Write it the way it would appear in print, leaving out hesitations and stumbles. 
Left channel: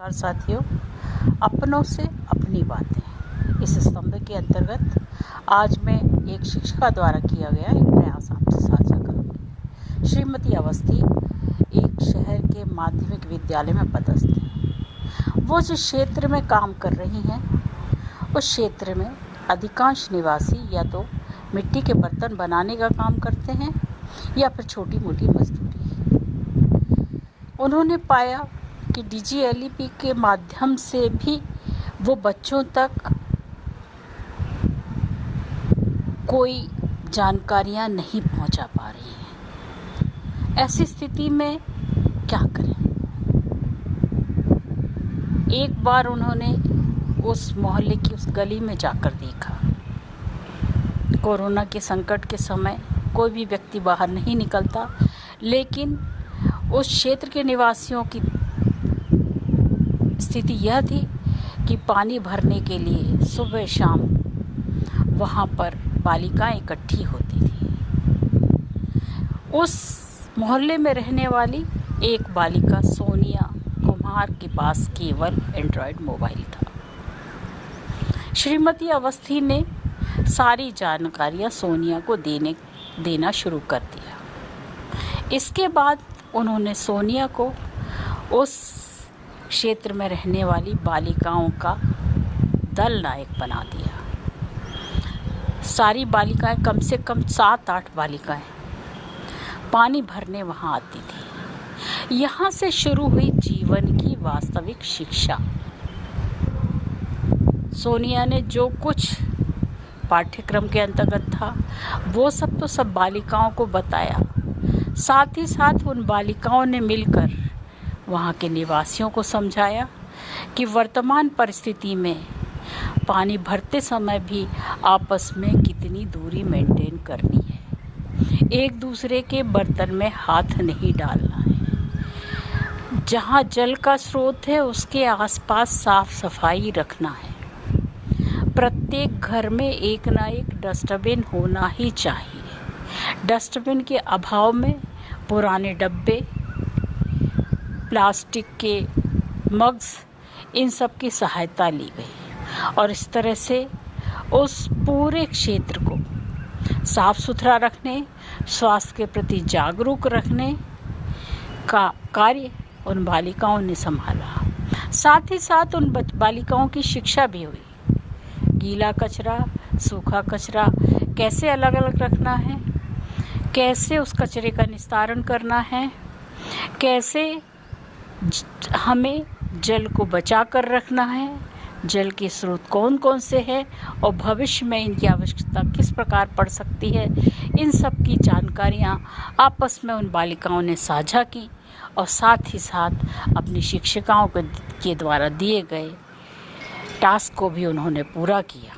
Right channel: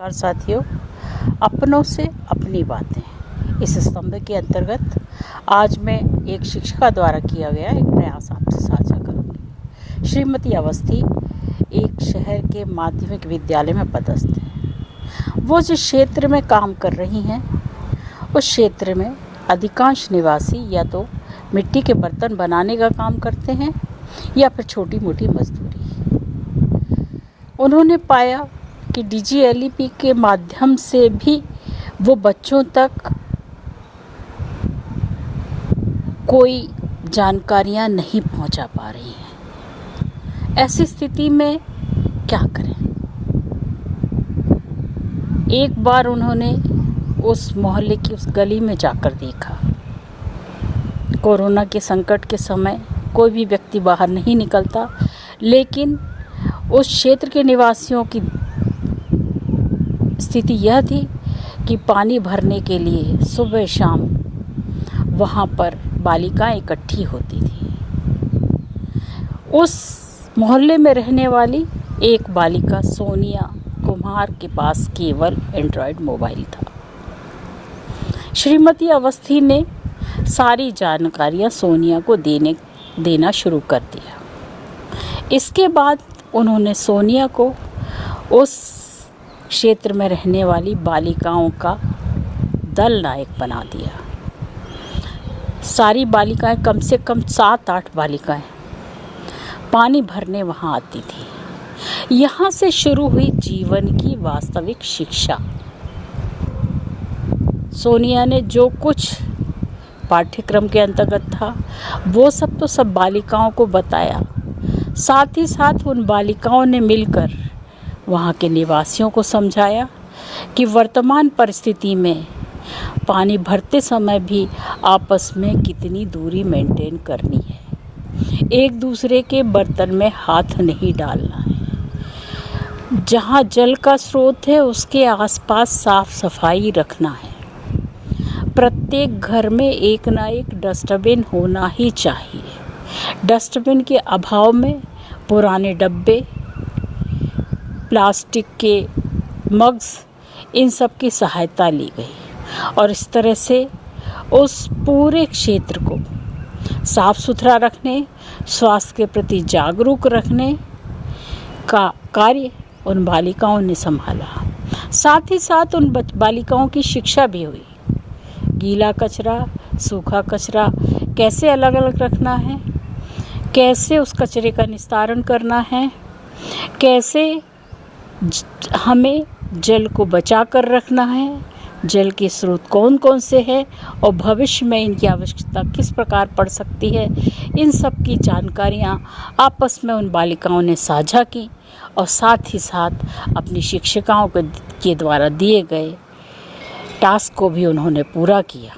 नमस्कार साथियों, अपनों से अपनी बातें इस स्तंभ के अंतर्गत आज मैं एक शिक्षिका द्वारा किया गया एक प्रयास आपसे साझा करूंगी। श्रीमती अवस्थी एक शहर के माध्यमिक विद्यालय में पदस्थ हैं। वो जिस क्षेत्र में काम कर रही हैं उस क्षेत्र में अधिकांश निवासी या तो मिट्टी के बर्तन बनाने का काम करते हैं या फिर छोटी मोटी मजदूरी। उन्होंने पाया कि DGLEP के माध्यम से भी वो बच्चों तक कोई जानकारियां नहीं पहुंचा पा रही हैं। ऐसी स्थिति में क्या करें? एक बार उन्होंने उस मोहल्ले की उस गली में जाकर देखा। कोरोना के संकट के समय कोई भी व्यक्ति बाहर नहीं निकलता, लेकिन उस क्षेत्र के निवासियों की स्थिति यह थी कि पानी भरने के लिए सुबह शाम वहाँ पर बालिकाएं इकट्ठी होती थी। उस मोहल्ले में रहने वाली एक बालिका सोनिया कुम्हार के पास केवल एंड्रॉयड मोबाइल था। श्रीमती अवस्थी ने सारी जानकारियाँ सोनिया को देना शुरू कर दिया। इसके बाद उन्होंने सोनिया को उस क्षेत्र में रहने वाली बालिकाओं का दल नायक बना दिया। सारी बालिकाएं, कम से कम 7-8 बालिकाएं पानी भरने वहां आती थी। यहाँ से शुरू हुई जीवन की वास्तविक शिक्षा। सोनिया ने जो कुछ पाठ्यक्रम के अंतर्गत था वो सब तो सब बालिकाओं को बताया। साथ ही साथ उन बालिकाओं ने मिलकर वहाँ के निवासियों को समझाया कि वर्तमान परिस्थिति में पानी भरते समय भी आपस में कितनी दूरी मेंटेन करनी है। एक दूसरे के बर्तन में हाथ नहीं डालना है। जहाँ जल का स्रोत है उसके आसपास साफ सफाई रखना है। प्रत्येक घर में एक ना एक डस्टबिन होना ही चाहिए। डस्टबिन के अभाव में पुराने डब्बे, प्लास्टिक के मग्स, इन सब की सहायता ली गई और इस तरह से उस पूरे क्षेत्र को साफ सुथरा रखने, स्वास्थ्य के प्रति जागरूक रखने का कार्य उन बालिकाओं ने संभाला। साथ ही साथ उन बालिकाओं की शिक्षा भी हुई। गीला कचरा, सूखा कचरा कैसे अलग अलग रखना है, कैसे उस कचरे का निस्तारण करना है, कैसे हमें जल को बचा कर रखना है, जल के स्रोत कौन कौन से हैं और भविष्य में इनकी आवश्यकता किस प्रकार पड़ सकती है, इन सब की जानकारियाँ आपस में उन बालिकाओं ने साझा की और साथ ही साथ अपनी शिक्षिकाओं के द्वारा दिए गए टास्क को भी उन्होंने पूरा किया।